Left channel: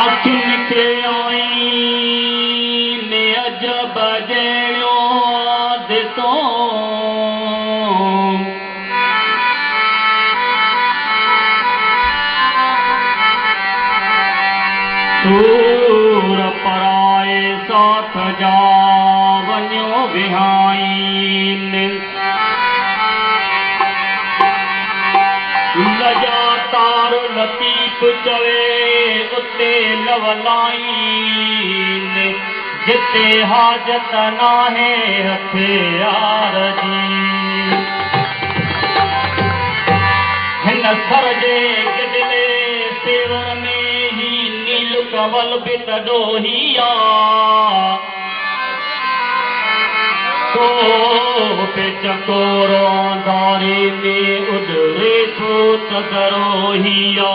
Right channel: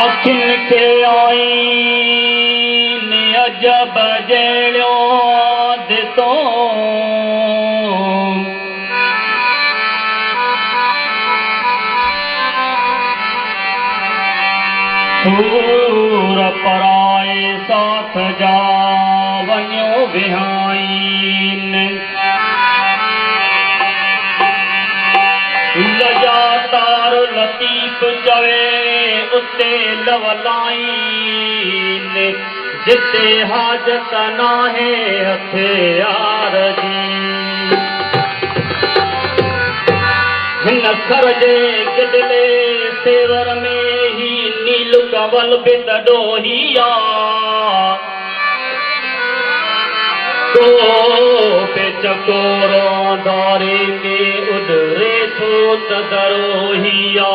अखियुनि खे आईन अजब जहिड़ो ॾिसो सूर पराए साथ जा वञो विहाइन लजा तार लतीफ़ चवे उते लवलाइन जिते हाजत नाहे हथियार जी हिन सर जे गिदले सेवर में ही नील कवल बि तॾोहिया को पे चकोरो आंधारे में उधरे थो तदरोहिया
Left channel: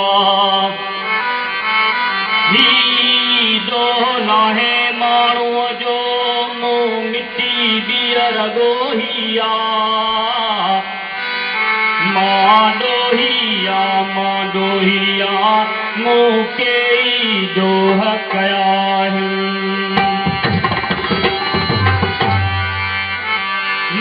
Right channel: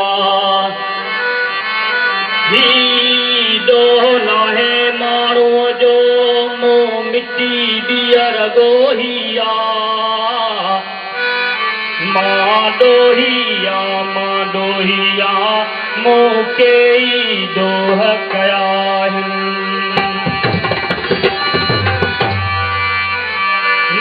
दो नाहे माण्हूअ जो मुंहुं मिटी ॿीहर गोहिया मां ॾोहिया मूं कई दोह कया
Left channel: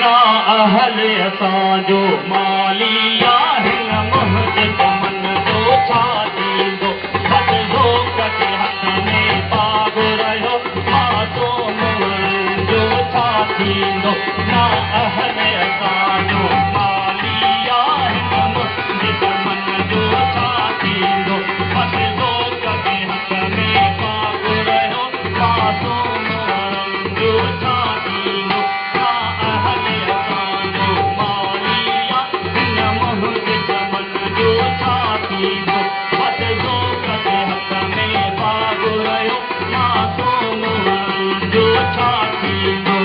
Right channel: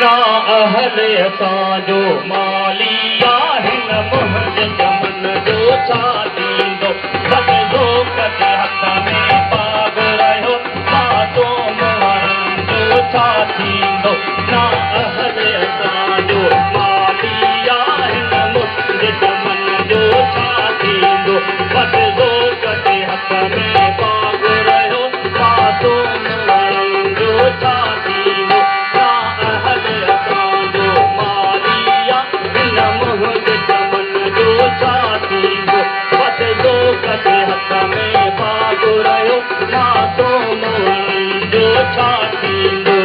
ना अहल असांजो माली आहिन मुंहिंजे चमन जो छा थींदो बदिलो कटे हथ में पाग रहियो पासो मुहरनि जो छा थींदो ना अहल असांजो माली आहिन मुंहिंजे चमन जो छा थींदो बदिलो कटे हथ में पाग रहियो पासो मुहरनि जो छा थींदो ना अहल असांजो माली आहिन मुंहिंजे चमन जो छा थींदो बदिलो कटे हथ में पाग रहियो पासो मुहरनि जो छा थींदो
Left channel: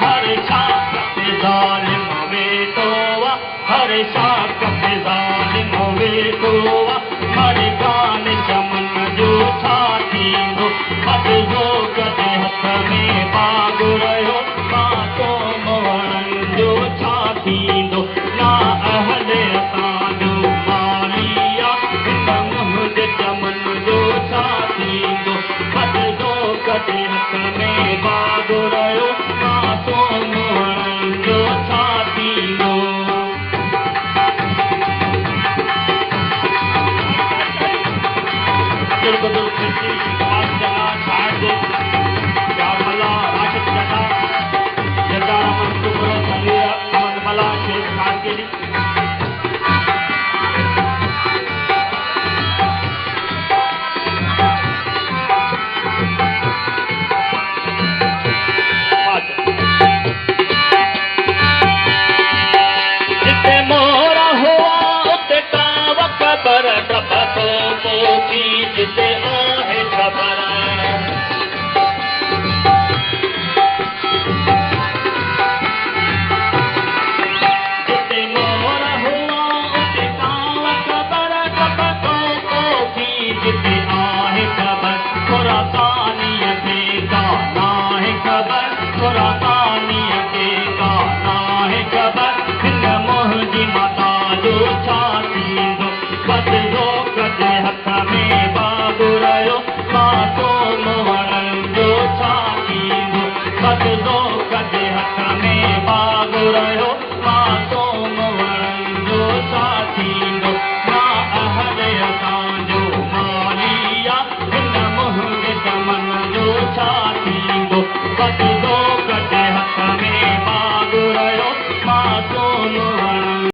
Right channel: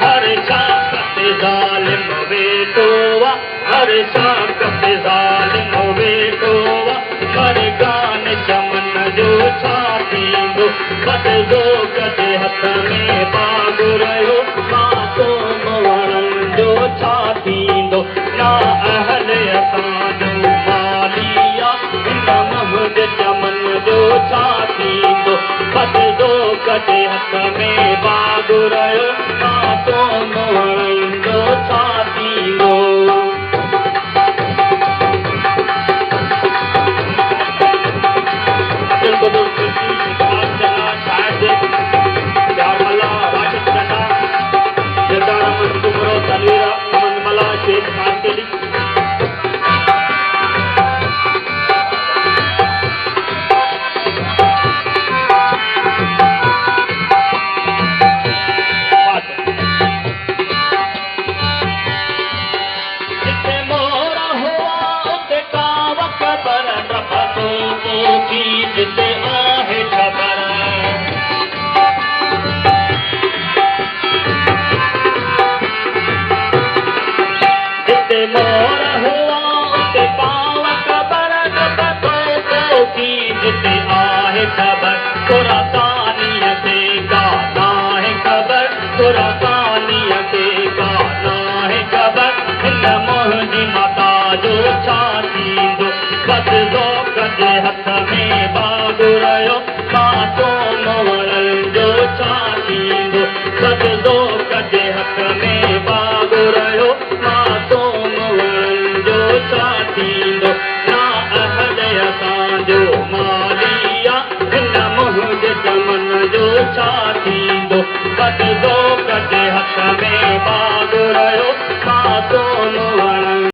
हर शाकत ज़ालिम वेठोवा हर शाकत ज़ालिम वेठोवा हर गान चमन जो छा थींदो बदिलो कटे हथ में पाग रहियो पासो मुहरनि जो छा थींदो ना अहल असांजो माली आहिन मुंहिंजे चमन जो छा थींदो बदिलो कटे हथ में पाग रहियो पासो मुहरनि जो छा थींदो जिते आहे ख़बर जिते मोर हुआ उते पाव ख़बर जिते आहे ख़बर थोरा कानीअ खे का नाहे ख़बर थोरा कानीअ खे का नाहे ख़बर हिन मुंहिंजी माता जो छा थींदो बदिलो कटे हथ में पाग रहियो पासो मुहरनि जो छा थींदो बदिलो कटे हथ में पाग रहियो पासो मुहरनि जो छा थींदो ना अहल असांजो माली चमन जो छा थी